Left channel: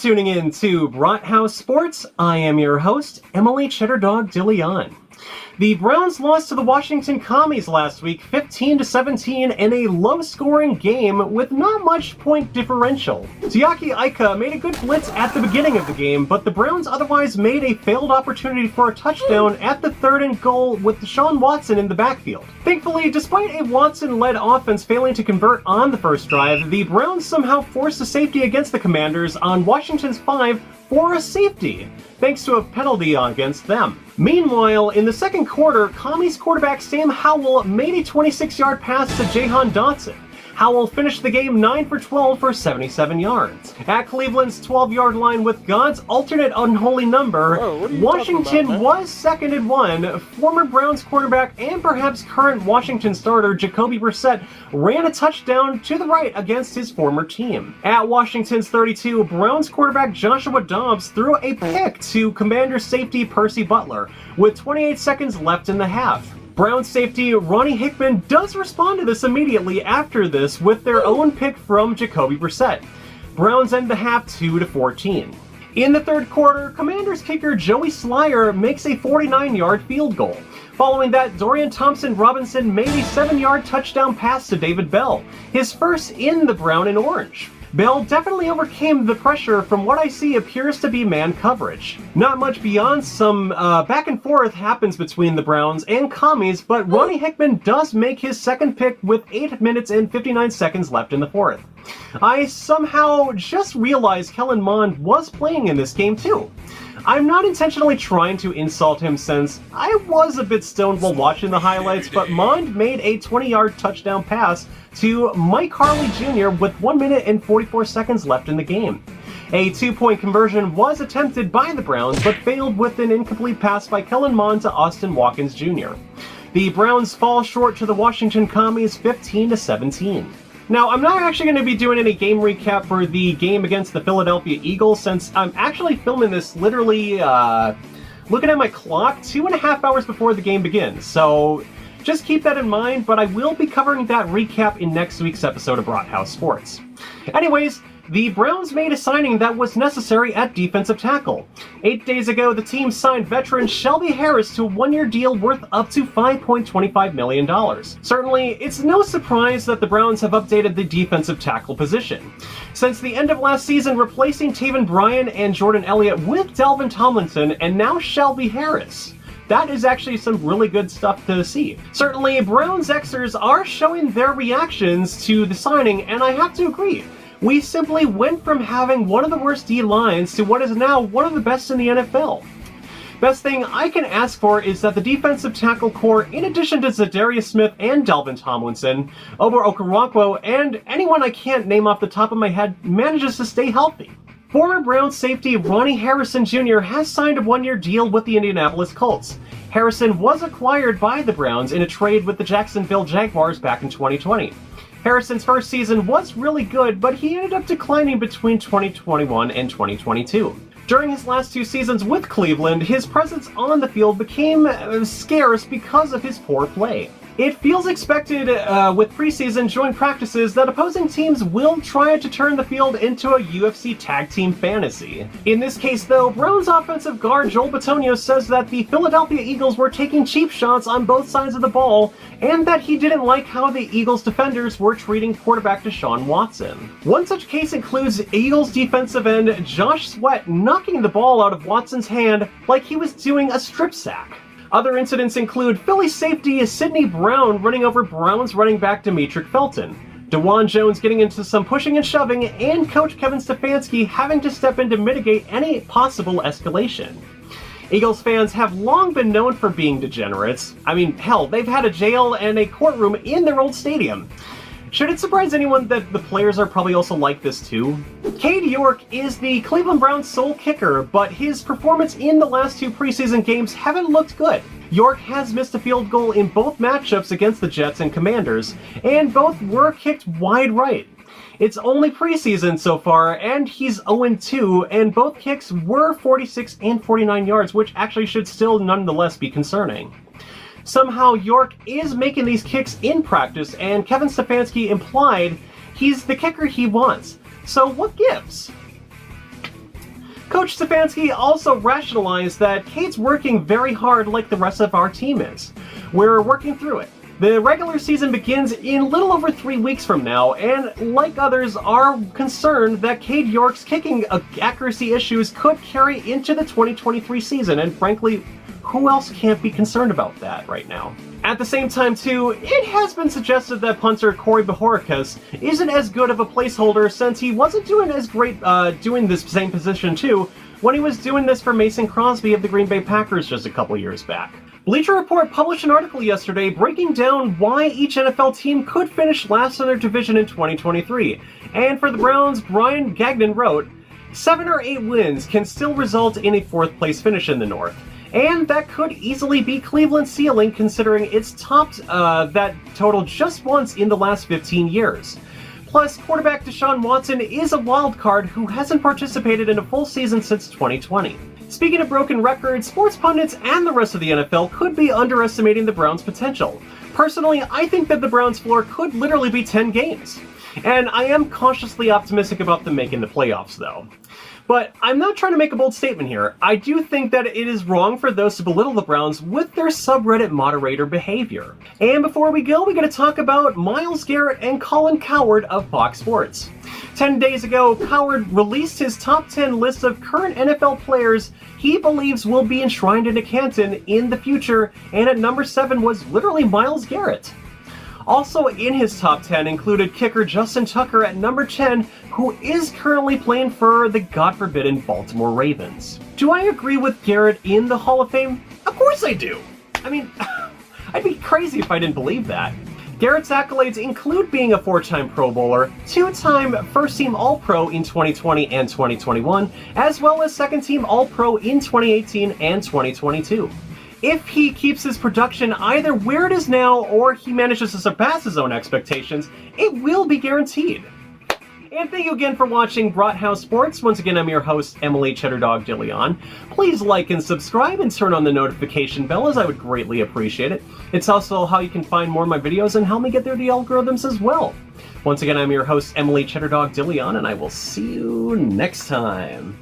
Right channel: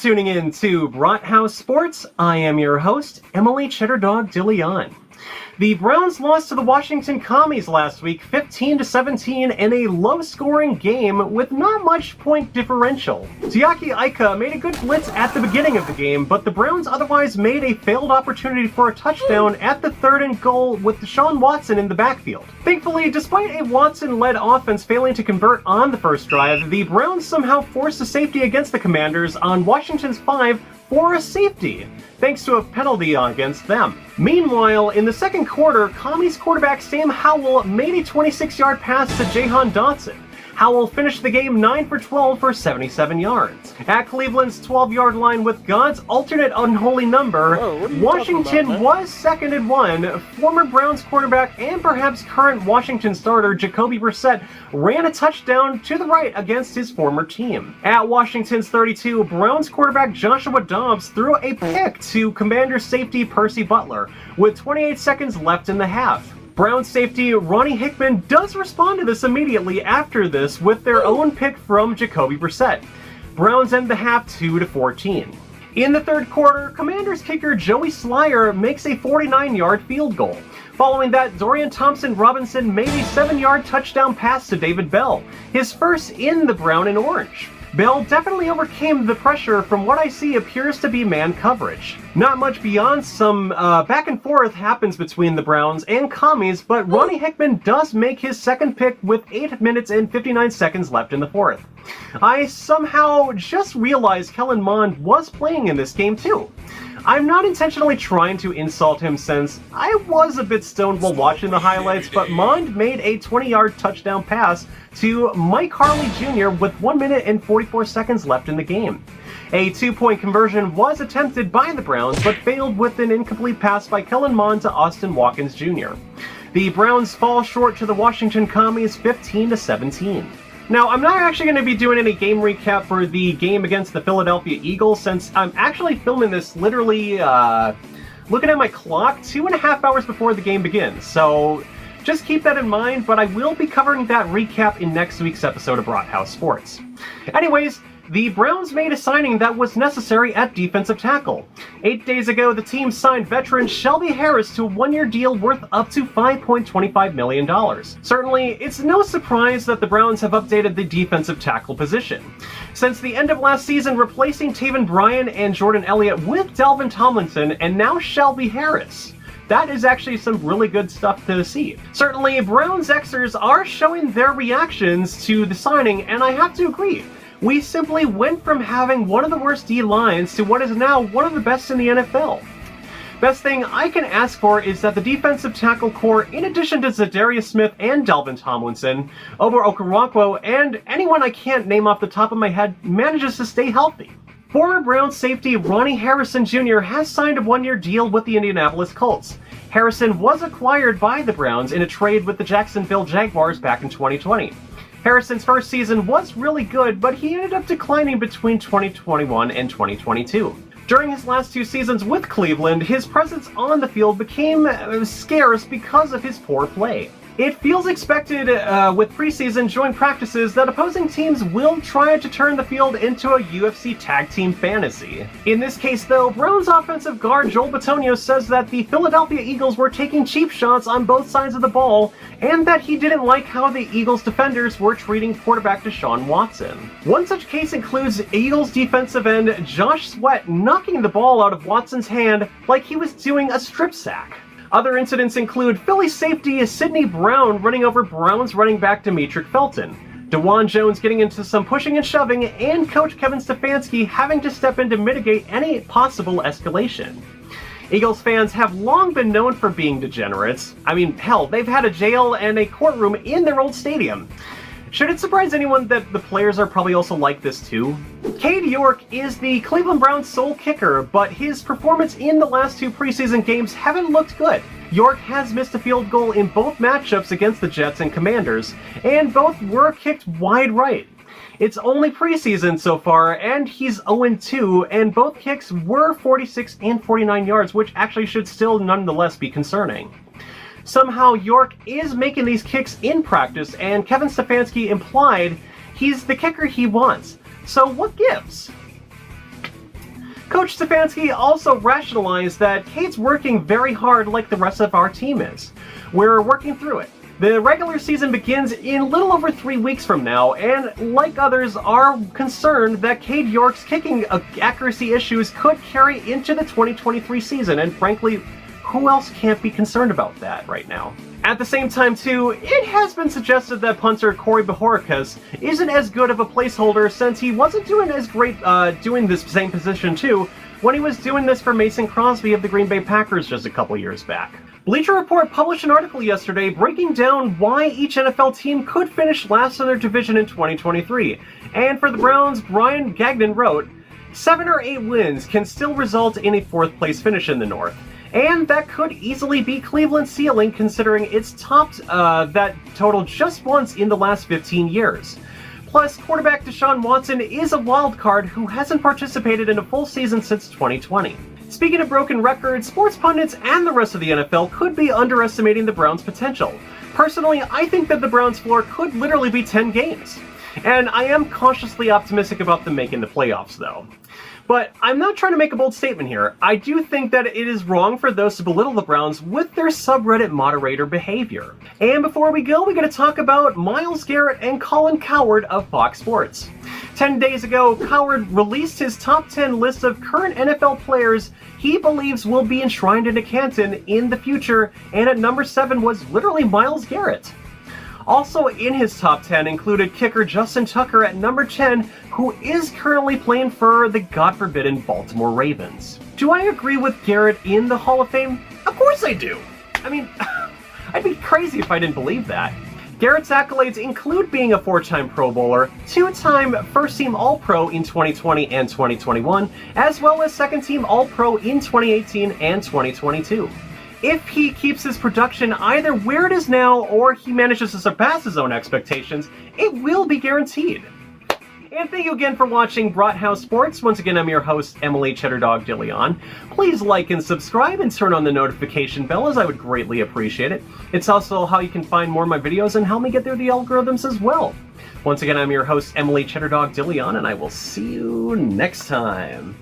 tuning in to Brathouse Sports. I am your host, Emily Cheddardog DeLeon. The Browns lost to the Washington Commies last week, 15-17, in a low-scoring game with not much point differential. Siaki Ika made a good blitz at the beginning of the game, but the Browns otherwise made a failed opportunity for a touchdown at the 3rd and goal with DeShaun Watson in the backfield. Thankfully, despite a Watson-led offense failing to convert on the first drive, the Browns somehow forced a safety against the Commanders on Washington's 5 for a safety, thanks to a penalty against them. Meanwhile, in the second quarter, Commies quarterback Sam Howell made a 26-yard pass to Jahan Dotson. Howell finished the game 9 for 12 for 77 yards. At Cleveland's 12-yard line with God's alternate unholy number, Washington was 2nd and 1. Former Browns quarterback and perhaps current Washington starter Jacoby Brissett ran a touchdown to the right against his former team. At Washington's 32, Browns quarterback Joshua Dobbs threw a pick to Commanders safety Percy Butler with 28 seconds left in the half. Browns safety Ronnie Hickman does respond to this immediately after this with their own pick from Jacoby Brissett. Browns end the half 2-14. In the third quarter, Commanders kicker Joey Slyer makes a 49-yard field goal. Following that, Dorian Thompson-Robinson made a 7-yard touchdown pass to David Bell, his first in the brown and orange. Bell definitely overcame the pressure from what I see appears to be man coverage. Not much beyond some back and forth happens between the Browns and Commies, but Ronnie Hickman does make his second pick with 8 minutes and 59 seconds left in the fourth. I somehow just realized Kellen Mond was playing in this game too. I'm not intentionally trying to insult him since I was a bit stoned while watching the highlights, but Mond made a 20-yard touchdown pass to Mike Harley Jr. with 1 minute and 44 seconds left in the game. A 2-point conversion was attempted by the Browns, but failed with an incomplete pass by Kellen Mond to Austin Watkins Jr. The Browns fall short to the Washington Commies 15-17. Now, I'm not actually going to be doing any game recap for the game against the Philadelphia Eagles, since I'm actually filming this literally, looking at my clock, 2.5 hours before the game begins, so just keep that in mind, but I will be covering that recap in next week's episode of Brathouse Sports. Anyways, the Browns made a signing that was necessary at defensive tackle. 8 days ago, the team signed veteran Shelby Harris to a 1-year deal worth up to $5.25 million. Certainly, it's no surprise that the Browns have updated the defensive tackle position. Since the end of last season, replacing Taven Bryan and Jordan Elliott with Dalvin Tomlinson, and now Shelby Harris. That is actually some really good stuff to see. Certainly, Browns Xers are showing their reactions to the signing, and I have to agree. We simply went from having one of the worst D-lines to what is now one of the best in the NFL. Best thing I can ask for is that the defensive tackle core, in addition to Zadarius Smith and Dalvin Tomlinson, Ober Okoronkwo, and anyone I can't name off the top of my head, manages to stay healthy. Former Browns safety Ronnie Harrison Jr. has signed a 1-year deal with the Indianapolis Colts. Harrison was acquired by the Browns in a trade with the Jacksonville Jaguars back in 2020. Harrison's first season was really good, but he ended up declining between 2021 and 2022. During his last 2 seasons with Cleveland, his presence on the field became scarce because of his poor play. It feels expected with preseason joint practices that opposing teams will try to turn the field into a UFC tag team fantasy. In this case, though, Browns offensive guard Joel Bitonio says that the Philadelphia Eagles were taking cheap shots on both sides of the ball, and that he didn't like how the Eagles defenders were treating quarterback DeShaun Watson. One such case includes Eagles defensive end Josh Sweat knocking the ball out of Watson's hand like he was doing a strip sack. Other incidents include Philly safety Sidney Brown running over Browns running back Demetric Felton, DeJuan Jones getting into some pushing and shoving, and coach Kevin Stefanski having to step in to mitigate any possible escalation. Eagles fans have long been known for being degenerates. I mean, hell, they've had a jail and a courtroom in their old stadium. Should it surprise anyone that the players are probably also like this too? Cade York is the Cleveland Browns' sole kicker, but his performance in the last 2 preseason games haven't looked good. York has missed a field goal in both matchups against the Jets and Commanders, and both were kicked wide right. It's only preseason so far, and he's 0-2, and both kicks were 46 and 49 yards, which actually should still nonetheless be concerning. Somehow York is making these kicks in practice, and Kevin Stefanski implied he's the kicker he wants. So what gives? Coach Stefanski also rationalized that Cade's working very hard like the rest of our team is. We're working through it. The regular season begins in a little over 3 weeks from now, and like others are concerned that Cade York's kicking accuracy issues could carry into the 2023 season, and frankly, who else can't be concerned about that right now? At the same time, too, it has been suggested that punter Corey Bojorquez isn't as good of a placeholder since he wasn't doing as great doing this same position, too, when he was doing this for Mason Crosby of the Green Bay Packers just a couple years back. Bleacher Report published an article yesterday breaking down why each NFL team could finish last in their division in 2023. And for the Browns, Brian Gagnon wrote, 7 or 8 wins can still result in a 4th place finish in the North. And that could easily be Cleveland's ceiling considering it's topped that total just once in the last 15 years. Plus, quarterback DeShaun Watson is a wild card who hasn't participated in a full season since 2020. Speaking of broken records, sports pundits and the rest of the NFL could be underestimating the Browns' potential. Personally, I think that the Browns' floor could literally be 10 games. And I am cautiously optimistic about them making the playoffs, though. But I'm not trying to make a bold statement here. I do think that it is wrong for those to belittle the Browns with their subreddit moderator behavior. And before we go, we're going to talk about Myles Garrett and Colin Cowherd of Fox Sports. 10 days ago, Cowherd released his top 10 list of current NFL players he believes will be enshrined into Canton in the future, and at number 7 was literally Myles Garrett. Also in his top 10 included kicker Justin Tucker at number 10, who is currently playing for the God-forbidden Baltimore Ravens. Do I agree with Garrett in the Hall of Fame? Of course I do! I mean, I'd be crazy if I didn't believe that. Garrett's accolades include being a 4-time Pro Bowler, 2-time first-team All-Pro in 2020 and 2021, as well as second-team All-Pro in 2018 and 2022. If he keeps his production either where it is now or he manages to surpass his own expectations, it will be guaranteed. And thank you again for watching Brathouse Sports. Once again, I'm your host, Emily Cheddardog DeLeon. Please like and subscribe and turn on the notification bell, as I would greatly appreciate it. It's also how you can find more of my videos and help me get through the algorithms as well. Once again, I'm your host, Emily Cheddardog DeLeon, and I will see you next time.